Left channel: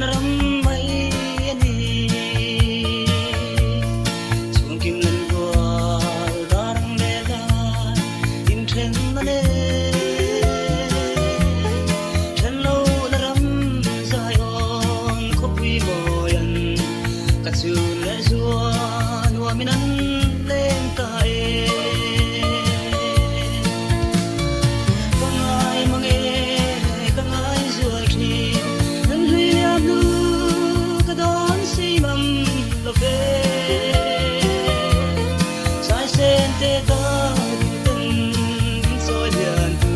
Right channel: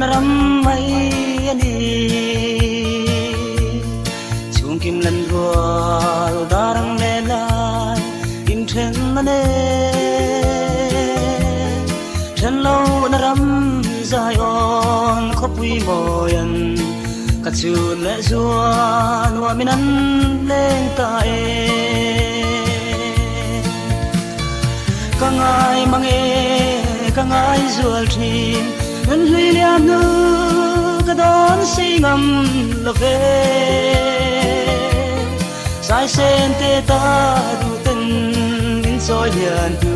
na ram mai ani chung kim lan rual darang le lai in then na ne then lo na ram zai on khop wi moyan ka chu le zuan wa minan leng ka e kangai mange kangai zual thin nan hui liam nu ka don sei ngam lo ve sai sen te ta du ten din soi lian tu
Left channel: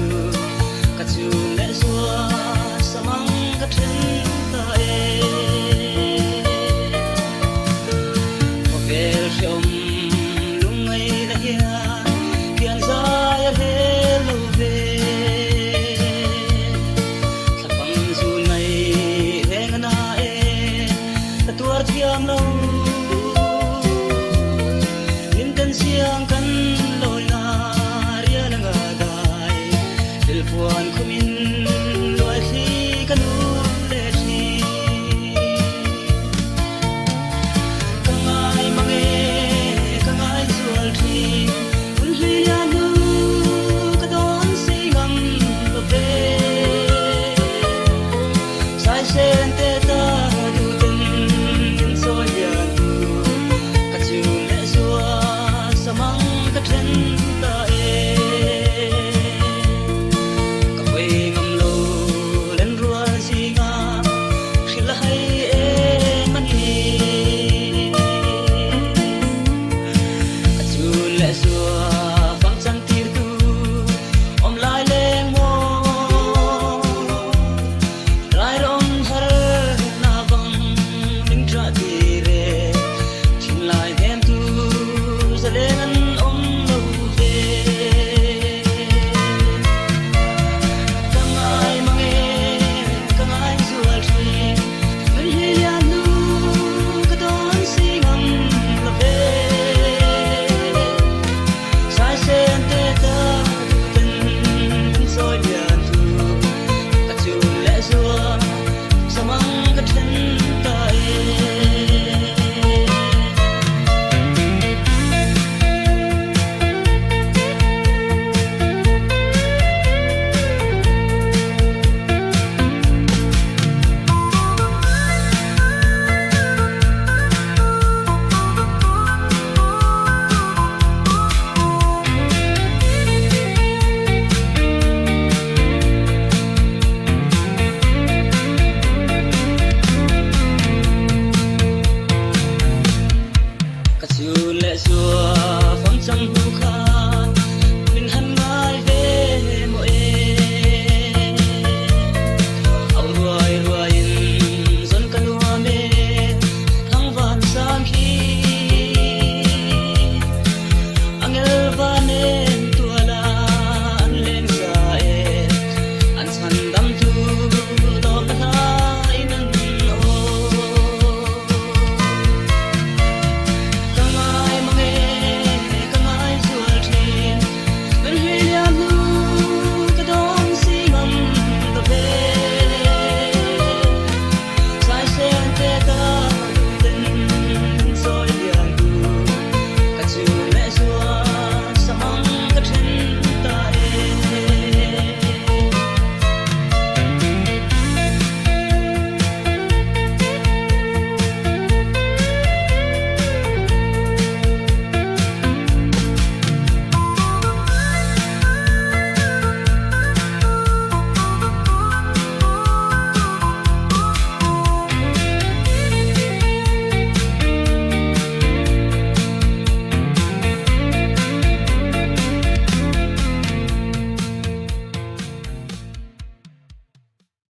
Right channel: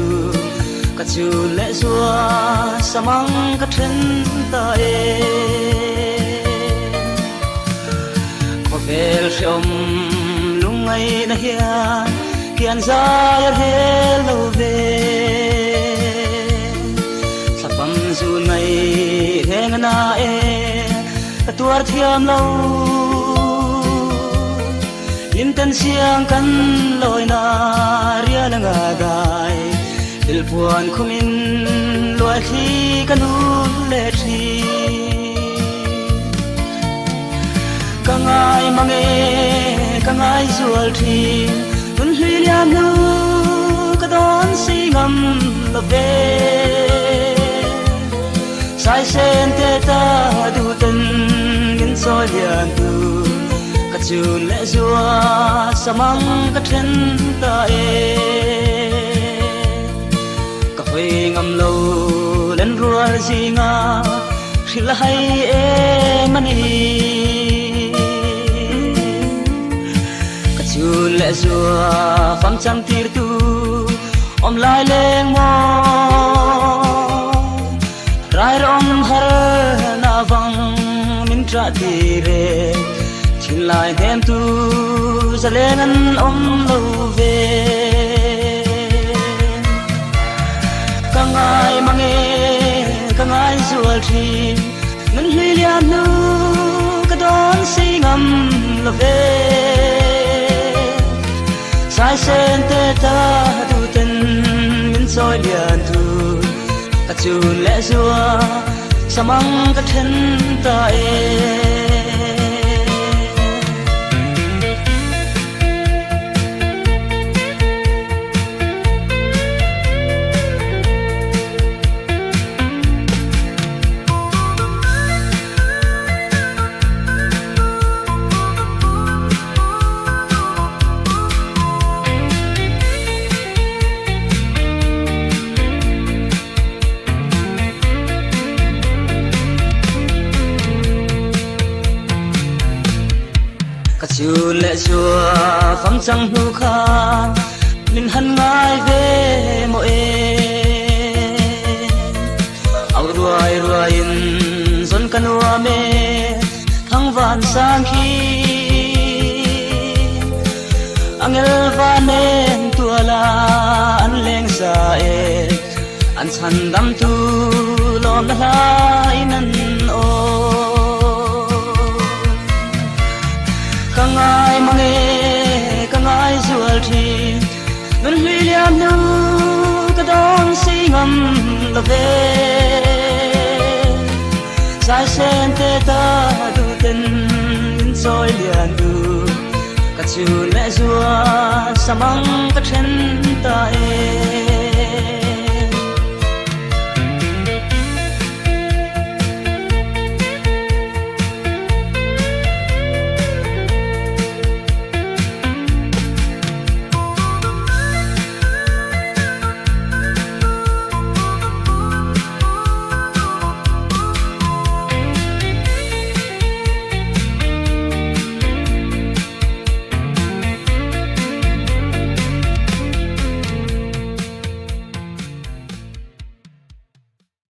ka chu le zua samang ka then ta e ho vel shom lung ai da hian hian za he lo ve sapam zun mai heng na e tuar thiam lo lim tan siang kan loi na ria la nga dai il puan khumin loi khi kanu le thi kangai mange kangai zual thi un hui liam nu ka don sei ngam lo ve sai sen te ta du ten din so lian tu ka chu le zua samang ka then ta e ka hui ngam lo len rual zinga khil hai e mani ka chu le zua phang chang tir tu om lai le